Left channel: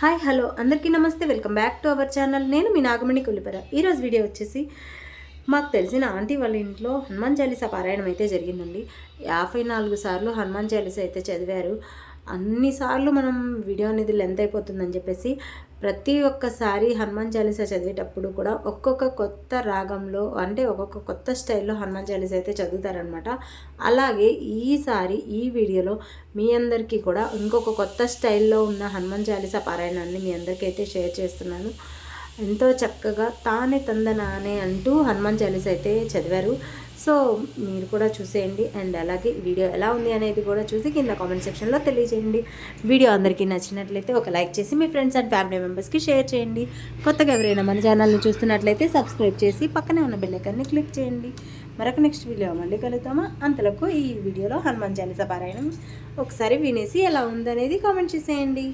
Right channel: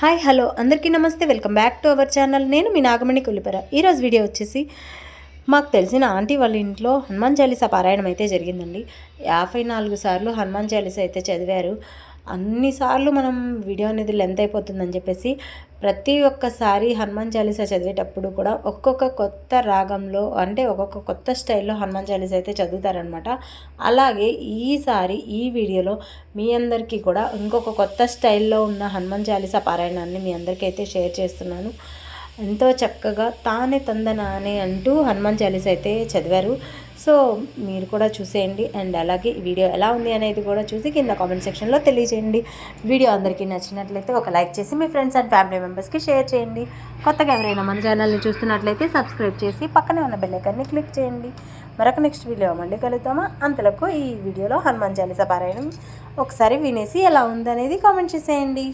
Hi hello అందరికీ నమస్తే, welcome back to our channel. నేను మీ నాగమణి కొల్లిపర. ఈరోజు వీడియో వచ్చేసి మాకు తెలిసిన ఆంటీ వాళ్ళ ఇంట్లో హనుమాన్ చాలీసా పారాయణం అయితే జరిగిందండి. 54 సార్లు హనుమాన్ చాలీసా అయితే చదివారు. అన్నిసార్లు మనం వీడియో అనేది లెంత్ అయిపోతుందని చెప్పేసి ప్రతి ఒక్కసారి హనుమాన్ చాలీసా చదివేటప్పుడు కూడా ఒక్కొక్క కొత్త రాగంలో అంటే ఒక్కొక్క కొత్త స్టైల్లో హనుమాన్ చాలీసా అయితే చదువుతారనమాట. అలాగే ఈసారి ఈ వీడియోలో మీ అందరికీ కూడా ఇంకొక కొత్త స్టైల్లో ఉన్న హనుమాన్ చాలీసా పారాయణాన్ని మీ అందరికీ అయితే షేర్ చేస్తున్నాను. ఎంతో చక్కగా తానే తందనానే అంటూ హనుమాన్ చాలీసా అయితే చదివారు. సో మీరు కూడా చూసేయండి. అండ్ అలాగే ఈ వీడియో ఎలా ఉంది అనేది కూడా చూసి కింద కామెంట్ సెక్షన్లో తెలియజేయండి. వీడియో అందరికీ నచ్చినట్లయితే ఒక లైక్ చేసి మీ ఫ్రెండ్స్ అండ్ ఫ్యామిలీ మెంబర్స్కి షేర్ చేయండి. కొత్తగా ఎవరైనా మన ఛానల్ని చూస్తున్నట్లయితే సబ్స్క్రైబ్ చేసి పక్కనే ఉన్న బెల్ ఐకాన్ని క్లిక్ చేయండి. మరొక నెక్స్ట్ వీడియో మళ్ళీ కలుద్దామా. అంతలకు ఈ వీడియోలో హనుమాన్ చాలీసా పారాయణం ఒకసారి వినేసి ఎలా ఉందనేది కామెంట్ చేసేయండి.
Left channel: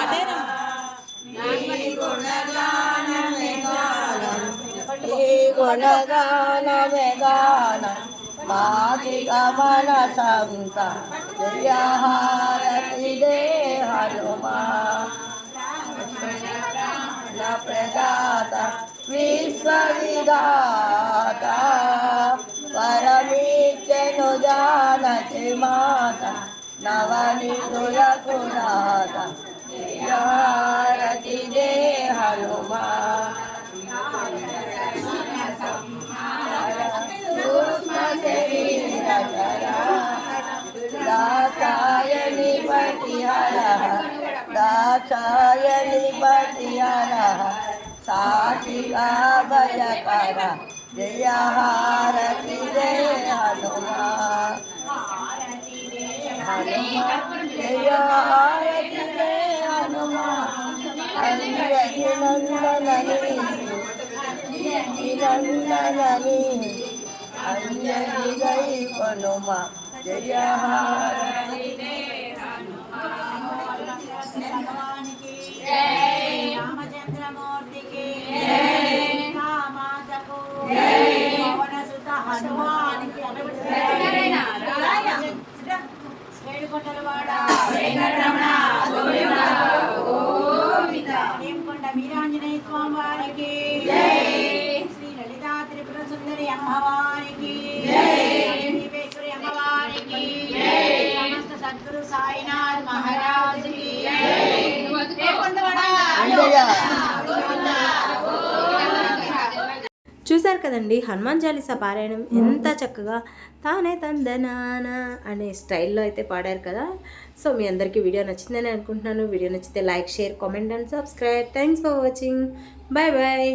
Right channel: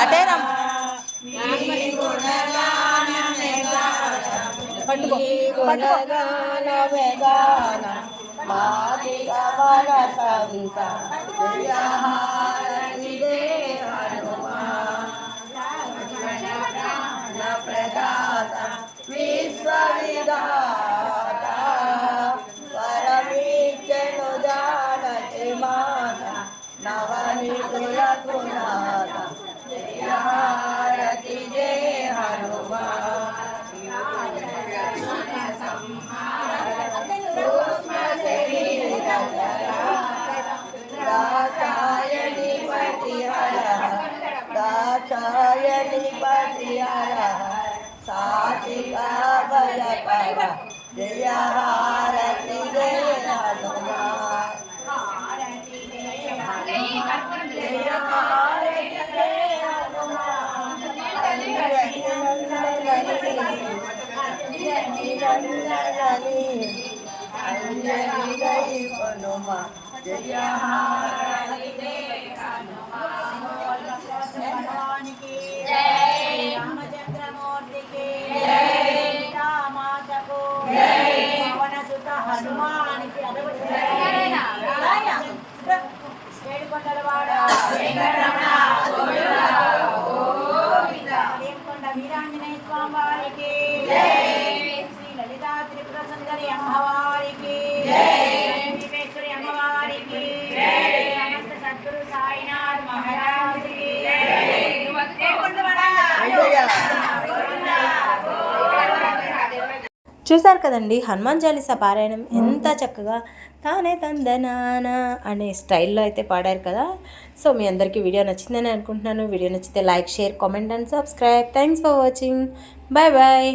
అటేరం వీరాంజనేయ స్వామి వారికి శ్రీ లలితా త్రిపుర సుందరి అమ్మవారికి విశ్వేశ్వరి అమ్మవారికి సమస్త సద్గురు సాయినాథ్ మహారాజుకి చూశారు కదండి, హనుమాన్ చాలీసా పారాయణం ఎంత చక్కగా తానే తందనానా అనే స్టైల్లో అయితే పాడారు కదా. సో మీ అందరికీ వీడియో నచ్చిందని అనుకుంటున్నాను. వీడియో నచ్చితే like, share, comment and subscribe. Thanks for watching. Bye bye.